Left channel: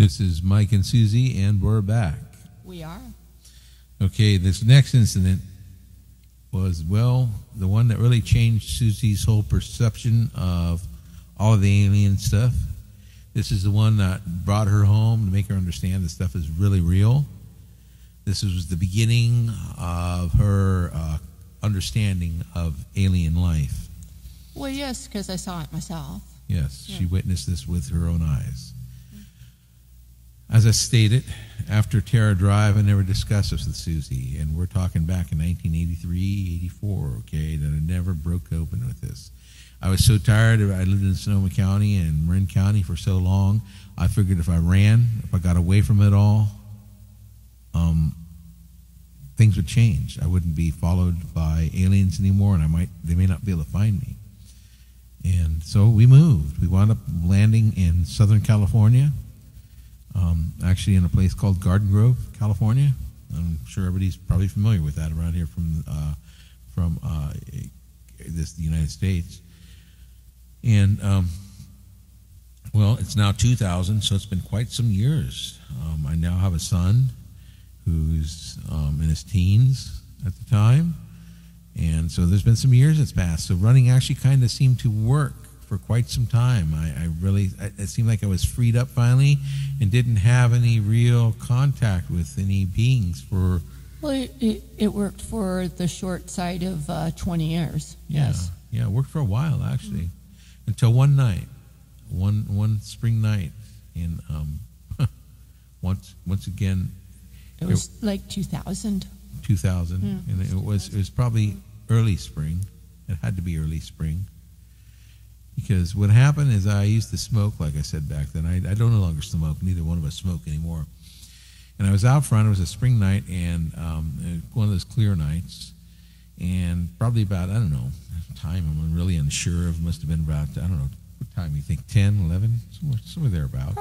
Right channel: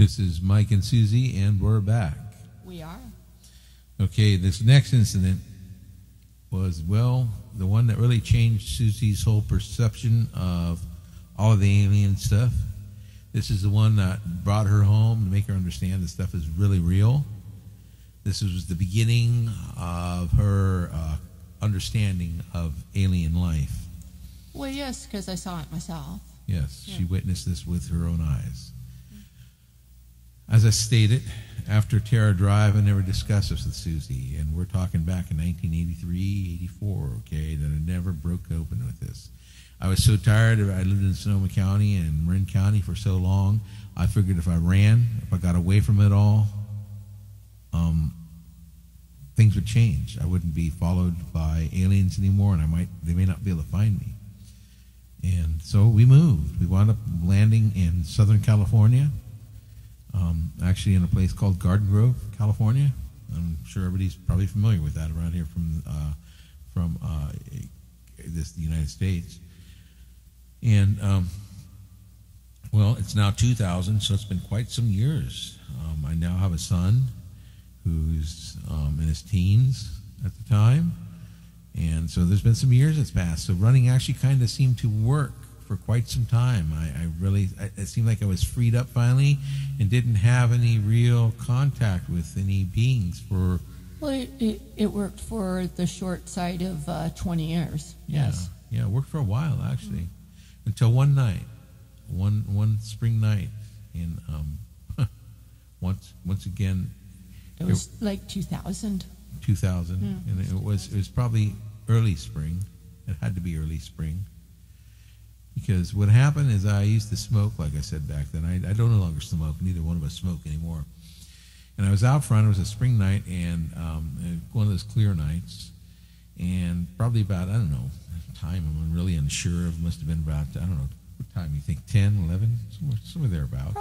This is Mike and Susie, and we're back. We are. Okay, this next incident was, well, the one that really changed Susie's whole perception of all of the alien stuff. This is the one that brought her home to make her understand this stuff is really real. This was the beginning of her understanding of alien life. Well, yes, because I saw it myself. Yes, Yeah. she witnessed this with her own eyes. As I stated, after Terror Drive, I never discussed this with Susie, and we're talking back in 1983, 84, okay, that I never broke open with this. I was so tired. I lived in Sonoma County and Marin County for so long, I figured if I ran, if I got away from it all, things would change. I wouldn't be followed by aliens anymore, and they may not be able to find me. And so we moved. We wound up landing in Southern California, actually in a place called Garden Grove, California. I'm sure everybody's probably familiar with that around here from the United States. And well, it's now 2000, so it's been quite some years. I now have a son who's in his teens at the time, and so there's been some years that's passed. So running actually kind of seemed to work for quite some time. It seemed like I was freed up finally and didn't have any real contact with any beings for... Well, it worked for the short side of 20 years. Yes. Yeah, it worked for a while, actually. Until one night, one spring night in, once again... It was like 2000. 2000, Yeah. and it was probably early spring. It had to be early spring. Because what happened is I used to smoke, like I said back then. I don't no longer smoke. Neither one of us smoke anymore. And I was out front. It was a spring night, and one of those clear nights. And probably about, I don't know, time I'm really unsure of. Must have been about, I don't know, what time you think, 10, 11? Somewhere thereabouts.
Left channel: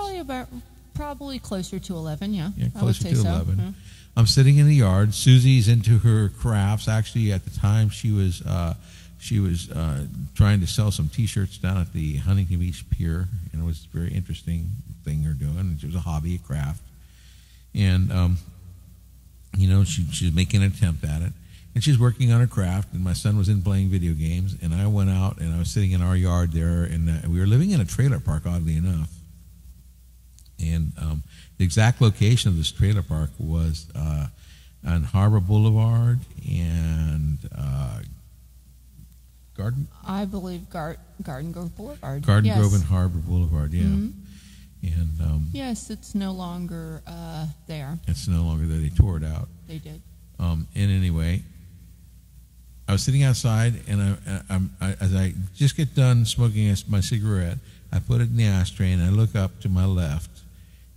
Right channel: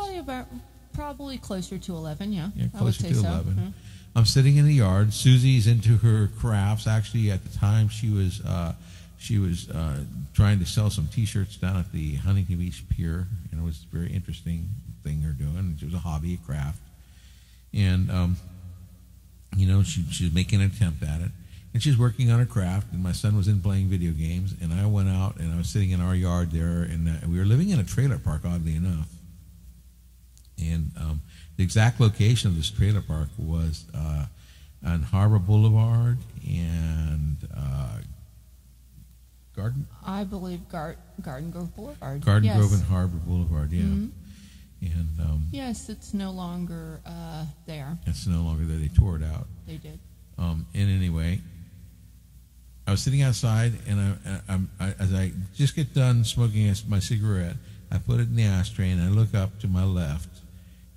Probably closer to 11, yeah. Yeah, I would closer say to so. 11. Yeah. I'm sitting in the yard. Susie's into her crafts. Actually, at the time, she was trying to sell some T-shirts down at the Huntington Beach Pier, and it was a very interesting thing they're doing. It was a hobby, a craft, and she was making an attempt at it, and she's working on her craft. And my son was in playing video games, and I went out and I was sitting in our yard there, and we were living in a trailer park, oddly enough. And the exact location of this trailer park was on Harbor Boulevard and Garden. I believe Garden Grove Boulevard. Garden Grove and Harbor Boulevard, yeah. Mm-hmm. And yes, it's no longer there. it's no longer there. They tore it out. They did. And anyway, I was sitting outside, and as I just get done smoking my cigarette, I put it in the ashtray, and I look up to my left,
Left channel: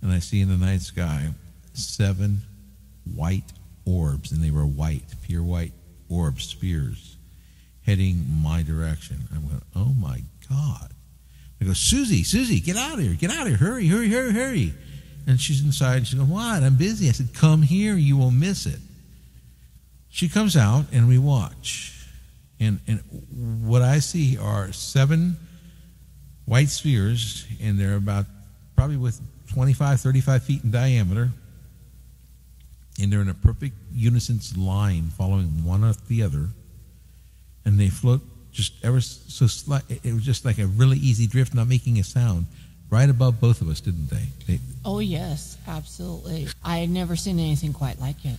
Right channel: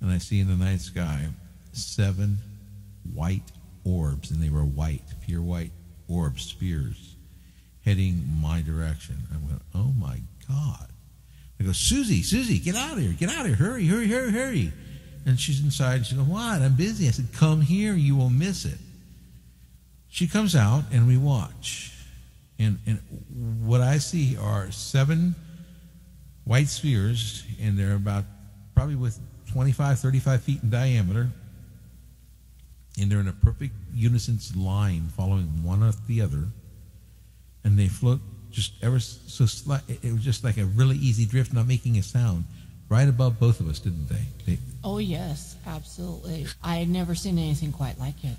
and I see in the night sky 7 white orbs, and they were white, pure white orbs, spheres, heading my direction. I'm going, oh my God. I go, Suzie, get out of here, hurry. And she's inside, she goes, what, I'm busy. I said, come here, you will miss it. She comes out, and we watch. And what I see are 7 white spheres, and they're about probably with 25, 35 feet in diameter, and they're in a perfect unison line following one after the other, and they float just ever so slight. It was just like a really easy drift, not making a sound, right above both of us, didn't they? Oh, yes, absolutely. I had never seen anything quite like it.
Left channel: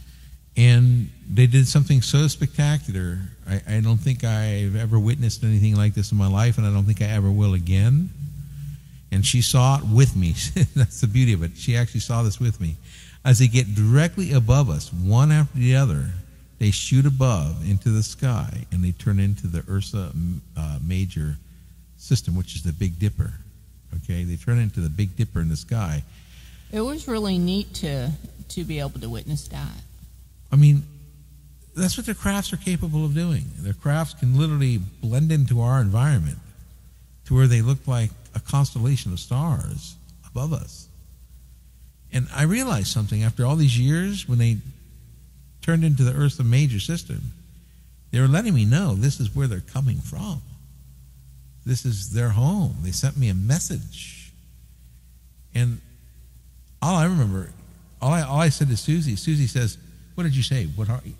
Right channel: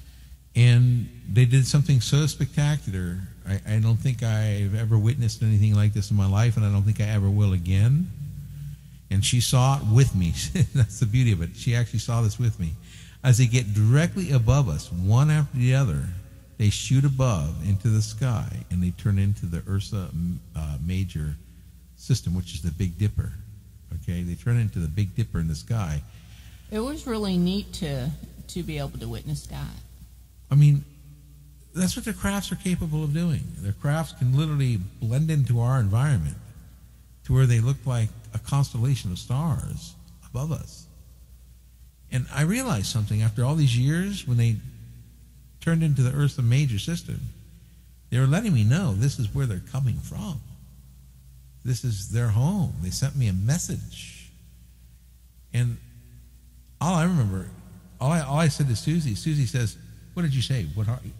And they did something so spectacular. I don't think I've ever witnessed anything like this in my life, and I don't think I ever will again. And she saw it with me. That's the beauty of it. She actually saw this with me. As they get directly above us, one after the other, they shoot above into the sky, and they turn into the Ursa Major system, which is the Big Dipper. Okay, they turn into the Big Dipper in the sky. It was really neat to be able to witness that. I mean, that's what their crafts are capable of doing. Their crafts can literally blend into our environment to where they look like a constellation of stars above us. And I realized something after all these years when they turned into the Ursa Major system. They were letting me know this is where they're coming from. This is their home. They sent me a message. And all I remember, all I said to Suzie says, "What did you say? What are you?"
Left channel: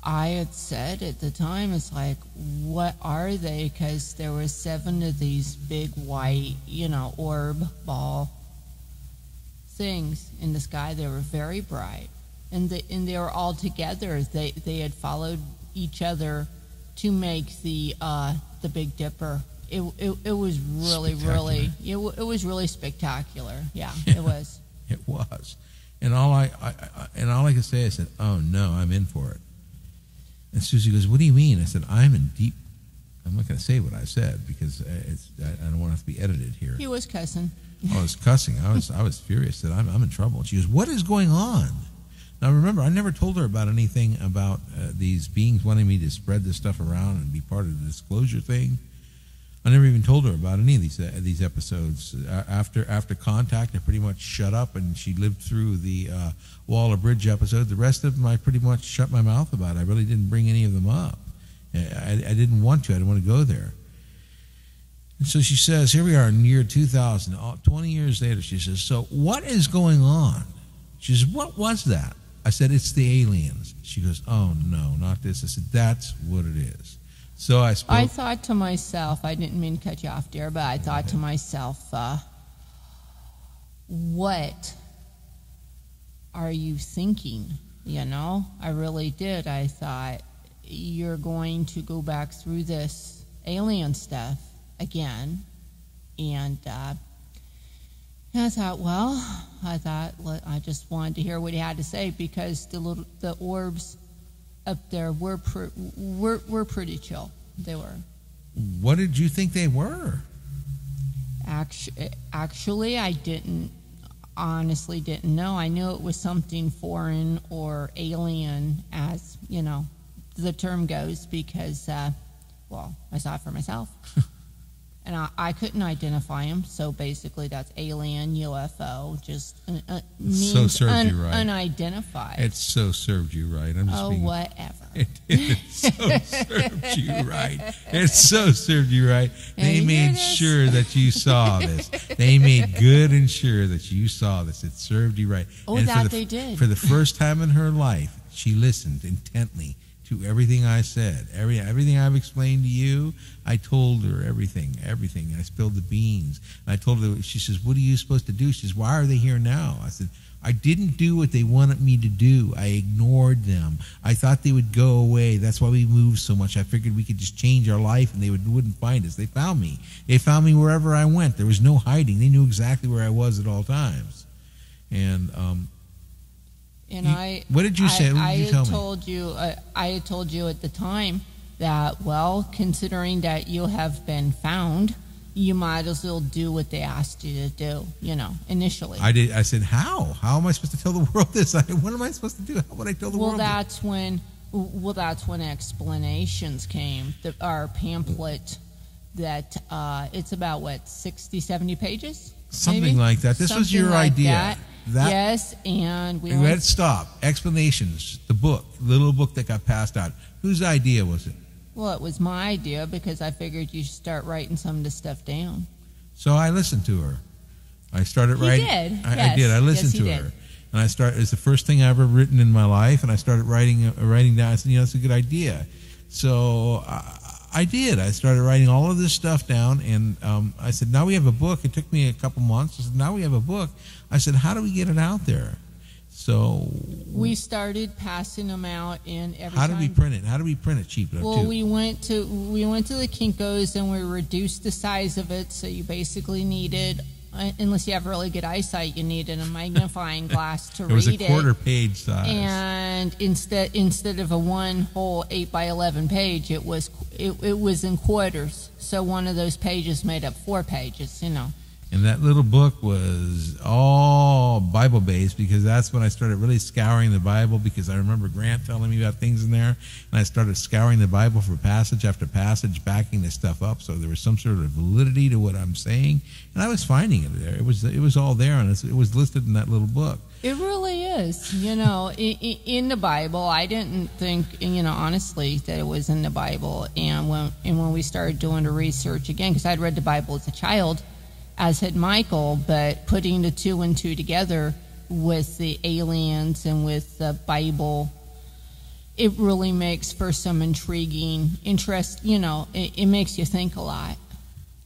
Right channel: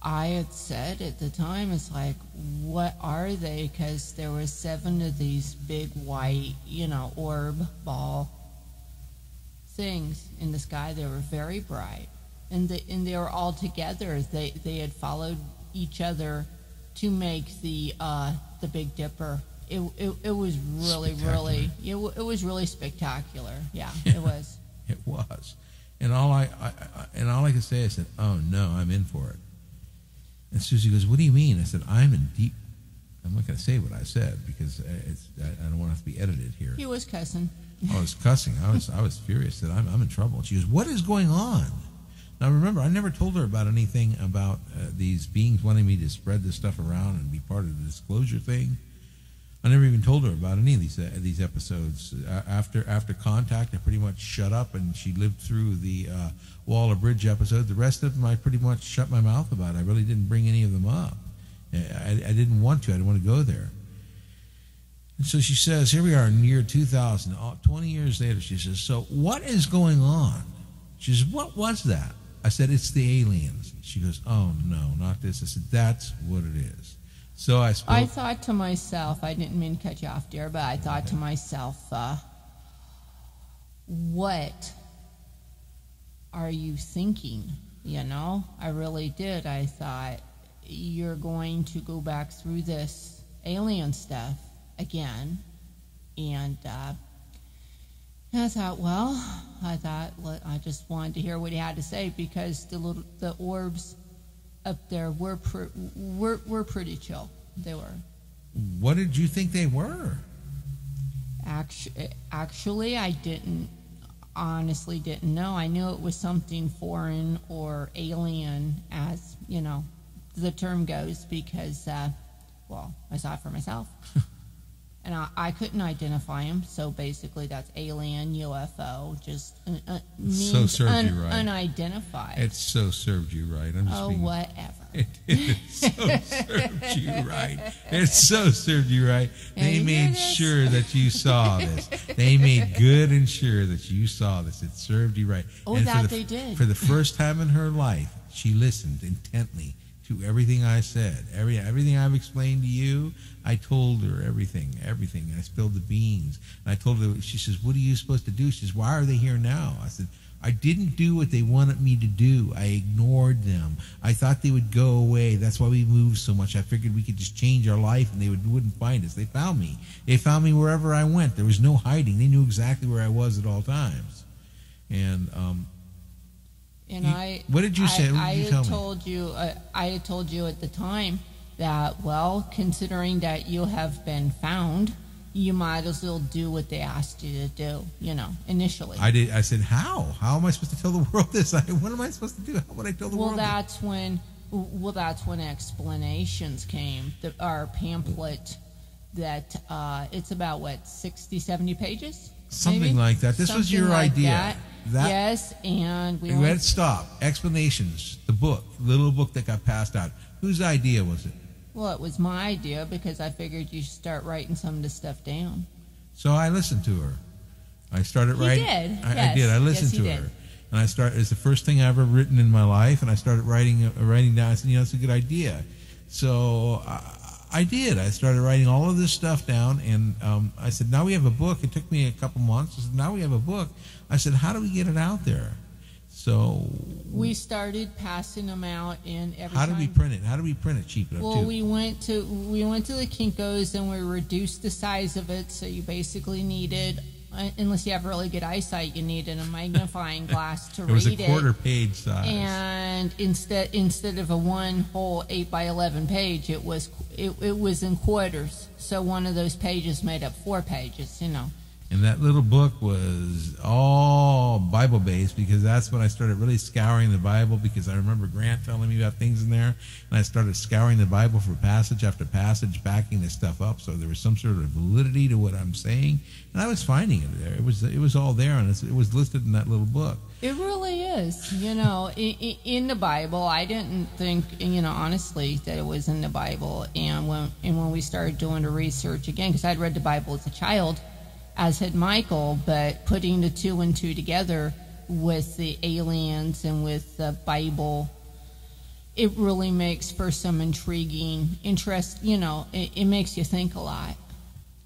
I had said at the time, it's like, what are they? Because there were 7 of these big white, orb ball things in the sky. They were very bright, and they were all together. They had followed each other to make the Big Dipper. It was really it was really spectacular. Yeah, it was. It was, and all I can say, I said, "Oh no, I'm in for it." And Suzie goes, "What do you mean?" I said, "I'm in deep." I'm not going to say what I said because I don't want to have to be edited here. He was cussing. I was cussing. I was furious that I'm in trouble. She goes, "What is going on?" Now remember, I never told her about anything about these beings wanting me to spread this stuff around and be part of the disclosure thing. I never even told her about any of these episodes. After Contact, I pretty much shut up, and she lived through the Waller Bridge episode. The rest of them, I pretty much shut my mouth about. I really didn't bring any of them up. I didn't want to. I didn't want to go there. And so she says, here we are in the year 2000, 20 years later. She says, "So what is going on?" She says, "What was that?" I said, "It's the aliens." She goes, "Oh, no, not this." I said, "That's what it is." So I thought to myself, I didn't mean to cut you off, dear, but I thought to myself, what are you thinking? I really did. I thought, you're going to go back through this alien stuff again. And I thought, I just wanted to hear what he had to say, because the orbs up there were pretty chill. They were. What did you think they were? Actually, I honestly didn't know. I knew it was something foreign or alien, as the term goes, because I saw it for myself. And I couldn't identify him, so basically that's alien, UFO, just so served you right. Unidentified. It so served you right. I'm just whatever. It so served you right. It so served you right. They made sure that you saw this. They made good and sure that you saw this. It served you right. Oh, and they did. For the first time in her life, she listened intently to everything I said. Everything I've explained to you, I told her everything. And I spilled the beans. And I told her, she says, "What are you supposed to do?" She says, "Why are they here now?" I said, "I didn't do what they wanted me to do. I ignored them. I thought they would go away. That's why we moved so much. I figured we could just change our life and they wouldn't find us. They found me. They found me wherever I went. There was no hiding. They knew exactly where I was at all times." And what did you say? What did you tell me? I had told you at the time that, considering that you have been found, you might as well do what they asked you to do, initially. I did. I said, how? How am I supposed to tell the world this? What am I supposed to do? How would I tell the world? That's when explanations came. Our pamphlet that it's about 60, 70 pages? Something maybe? Like that. This was your idea. Yes, and we had stop. Explanations. The book, the little book that got passed out. Whose idea was it? Well, it was my idea, because I figured you should start writing some of this stuff down. So I listened to her. I started writing. You did. I did. I listened to her. And it's the first thing I've ever written in my life, and I started writing down. I said, that's a good idea. So I did. I started writing all of this stuff down, and I said, now we have a book. It took me a couple months. I said, now we have a book. I said, how do we get it out there? So we started passing them out in every. How do we print it? How do we print it cheap enough? Well, we went to the Kinko's, and we reduced the size of it. So you basically needed, unless you have really good eyesight, you needed a magnifying glass to read it. It was a quarter-page size. And instead of a one whole 8x11 page, it was in quarters. So one of those pages made up 4 pages. And that little book was all Bible-based, because that's when I started really scouring the Bible, because I remember Grant telling me about things in there, and I started scouring the Bible for passage after passage, backing this stuff up, so there was some sort of validity to what I'm saying, and I was finding it there. It was all there, and it was listed in that little book. It really is. In the Bible, I didn't think, honestly, that it was in the Bible, and when we started doing the research again, because I'd read the Bible as a child, as had Michael, but putting the two and two together with the aliens and with the Bible, it really makes for some intriguing interest. It makes you think a lot.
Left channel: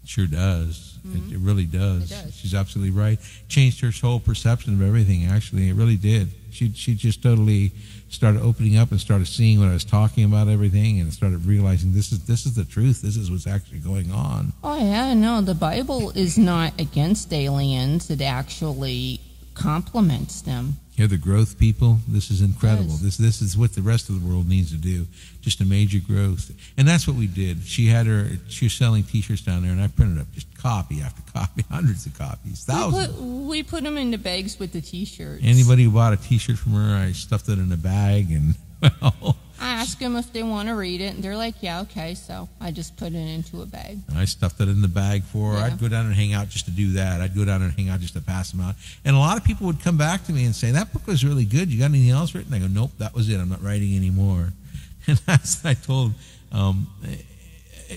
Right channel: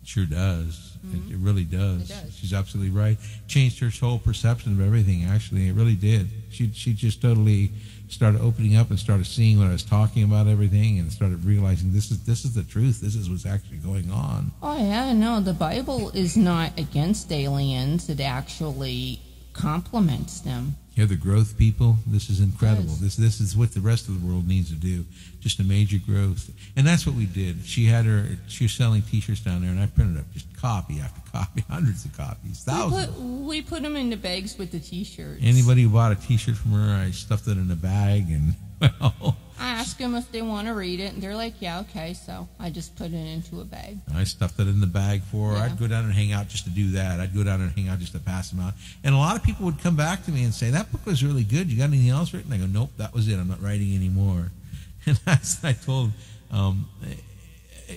Sure does. It really does. It does. She's absolutely right. Changed her whole perception of everything, actually. It really did. She just totally started opening up and started seeing what I was talking about, everything, and started realizing this is the truth. This is what's actually going on. Oh, yeah, no, the Bible is not against aliens. It actually complements them. Yeah, the growth people, this is incredible. Yes. This is what the rest of the world needs to do. Just a major growth. And that's what we did. She was selling T-shirts down there, and I printed up just copy after copy, hundreds of copies, thousands. We put them into bags with the T-shirts. Anybody who bought a T-shirt from her, I stuffed it in a bag, and well, I ask them if they want to read it, and they're like, yeah, okay, so I just put it into a bag. I stuffed it in the bag for her. Yeah. I'd go down and hang out just to do that. I'd go down and hang out just to pass them out. And a lot of people would come back to me and say, that book was really good. You got anything else written? I go, nope, that was it. I'm not writing anymore. And that's what I told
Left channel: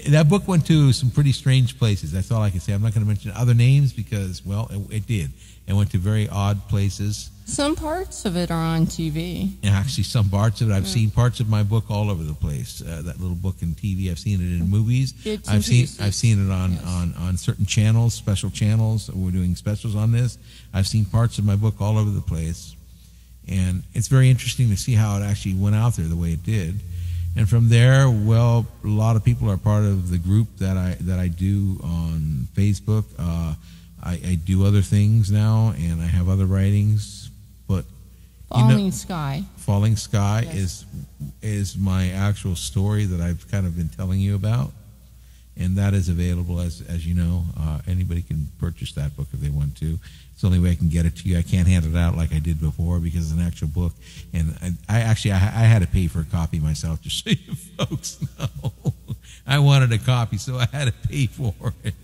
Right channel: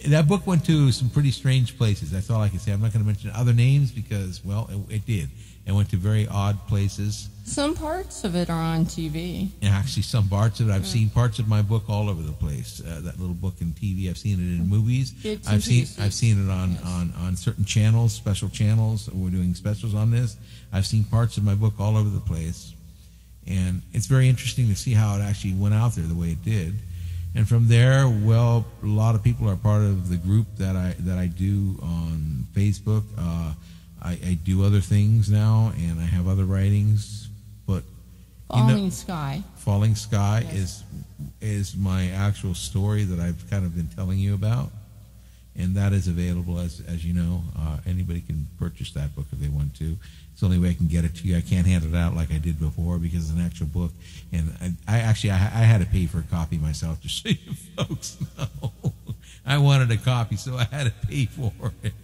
that book went to some pretty strange places. That's all I can say. I'm not going to mention other names because, well, it did. It went to very odd places. Some parts of it are on TV. And actually, some parts of it, I've seen parts of my book all over the place. That little book in TV, I've seen it in movies. I've seen it on certain channels, special channels. We're doing specials on this. I've seen parts of my book all over the place, and it's very interesting to see how it actually went out there the way it did. And from there, well, a lot of people are part of the group that I do on Facebook. I do other things now, and I have other writings. But Falling Sky. Falling Sky Yes. is my actual story that I've kind of been telling you about, and that is available as you know. Anybody can purchase that book if they want to. It's the only way I can get it to you. I can't hand it out like I did before because it's an actual book, and I had to pay for a copy myself, just so you folks know. I wanted a copy, so I had to pay for it.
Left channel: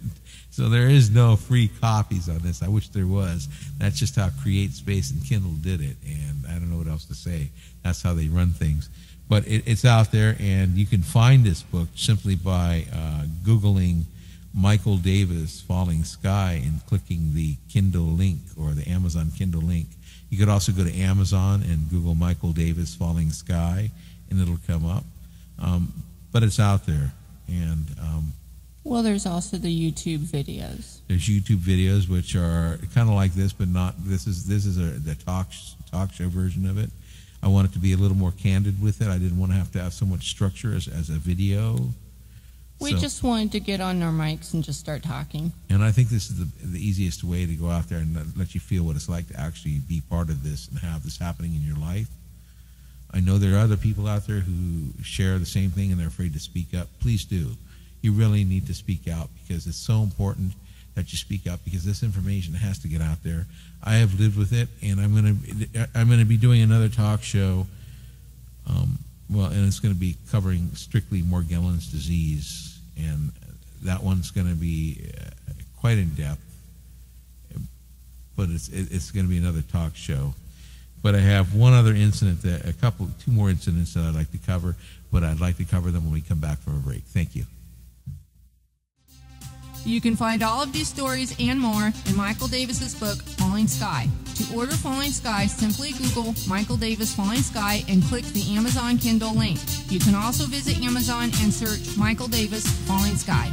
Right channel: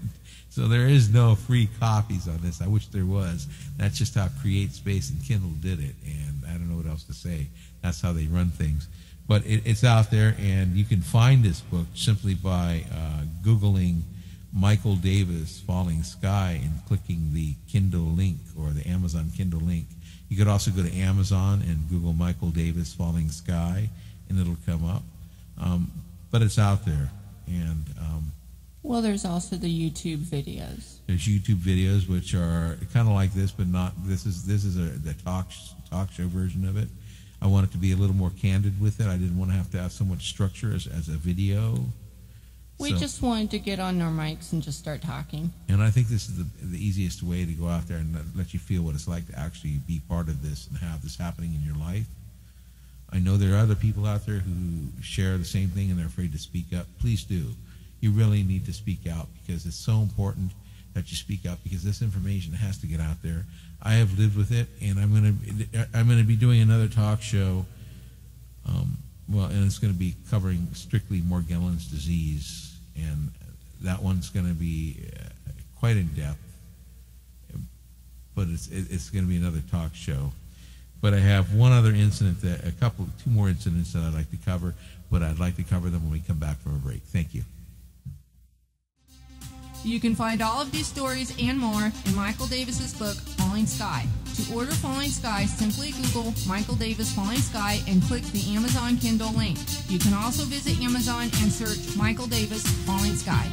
So there is no free copies on this. I wish there was. That's just how Create Space and Kindle did it, and I don't know what else to say. That's how they run things. But it's out there, and you can find this book simply by Googling Michael Davis Falling Sky and clicking the Kindle link or the Amazon Kindle link. You could also go to Amazon and Google Michael Davis Falling Sky, and it'll come up. But it's out there, and Well, there's also the YouTube videos. there's YouTube videos which are kind of like this, but not. This is the talk show version of it. I want it to be a little more candid with it. I didn't want to have so much structure as a video. We just wanted to get on our mics and just start talking. And I think this is the easiest way to go out there and let you feel what it's like to actually be part of this and have this happening in your life. I know there are other people out there who share the same thing and they're afraid to speak up. Please do. You really need to speak out because it's so important that you speak up because this information has to get out there. I have lived with it, and I'm going to be doing another talk show. And it's going to be covering strictly Morgellons disease, and that one's going to be quite in depth. But it's going to be another talk show. But I have one other incident, two more incidents that I'd like to cover, but I'd like to cover them when we come back from a break. Thank you. You can find all of these stories and more in Michael Davis's book, Falling Sky. To order Falling Sky, simply Google Michael Davis Falling Sky and click the Amazon Kindle link. You can also visit Amazon and search Michael Davis Falling Sky.